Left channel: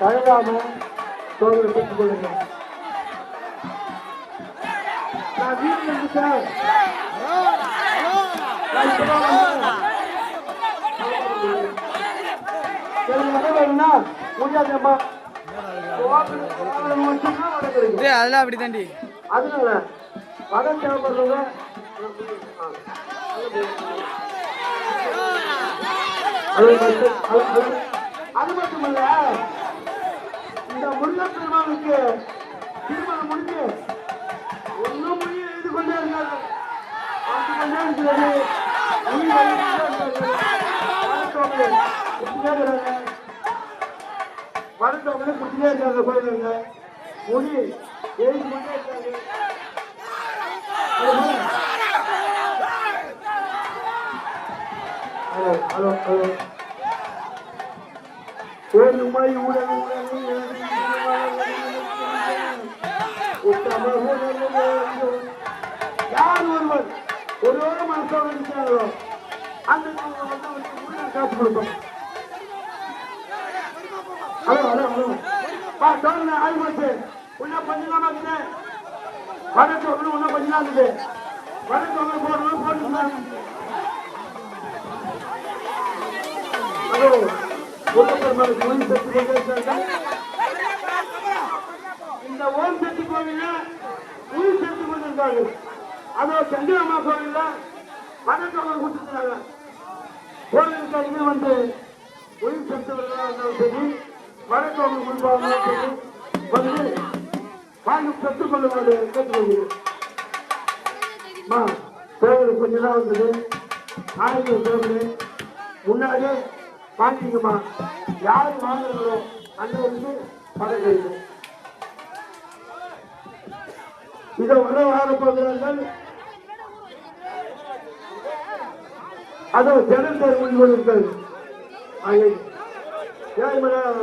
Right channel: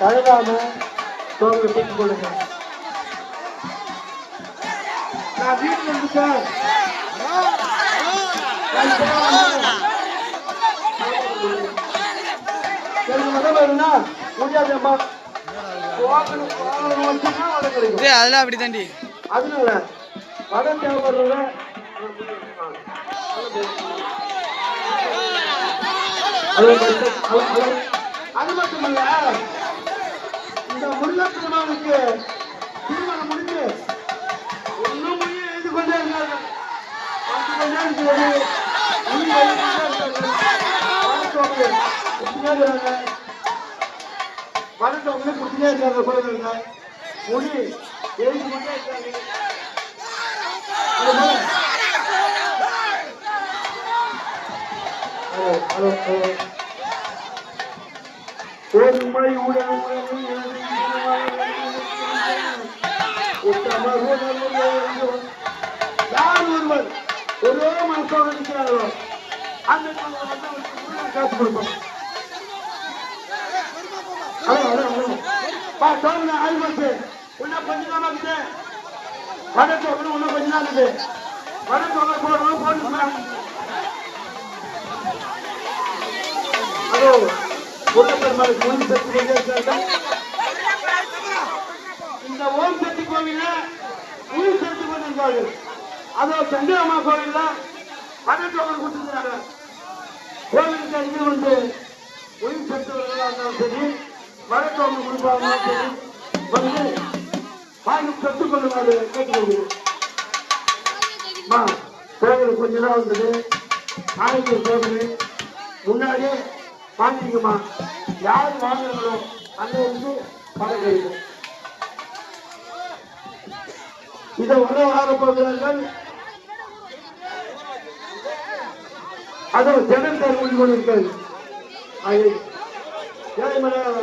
தயவான சோதனை பெற்றுக் கொள்ளுங்கள். நான் வீட்டில் இருந்து சார் அதெல்லாம் அப்படி தாண்டி. அதனால வட தேவைப்படுறத அது மட்டுமல்ல, இந்த முருக திருமணத்துக்கு திருமணம் முடிஞ்சு ஒன்னும் முடிய எழுதி கொண்டே இருந்தாங்க. வரட்டவங்க குடிச்சிட்டே இருக்காங்க. கோயிலுங்க முடி எழுதி கொண்டே இருக்காங்க. ஒரு மொழி உடல் யார் ஒருவர் ஒரே மனசோடு இருக்கிறார்களோ அந்த காசு கொடுப்போம். ஹலோ ஹலோ ஹலோ சோழ ஆயிரத்து இன்னும் கொஞ்ச நாள் இருக்குது. வடக்கு இன்னும் கொஞ்ச நாள் இருக்குது. வடக்கு போடணும். ஹலோ முருகப்பெருமானுக்கு ஓம் சக்தி கொண்டிருக்காங்க. இந்த ஓம் சக்தி கோவில்ல உயிர் சக்தி கொண்டிருக்காங்க. அதோ சந்திரம்மா கோவில்ல வடக்கவங்க கொடுத்துருக்காங்க. கோவிலுக்கு அருகே வந்து உயிர் சக்தி இருந்தாலும் சரி, வடக்கவங்க கொடுப்பாலும் சரி வந்து வாங்கி பெற்றுக் கொள்ளுமாறு கேட்டுக்கொள்கிறோம். கோவிலுக்கு கொஞ்ச நாள் வந்தது. ஆயிரம் கோவில் முன்னாடியே வாங்கிங்கம்மா. யாரு வாங்குறீங்களோ அந்த வந்து கடை இதை உடனே வாங்க போகிறார்கள். அதோ ஜெகன் கொண்டிருக்கிறது.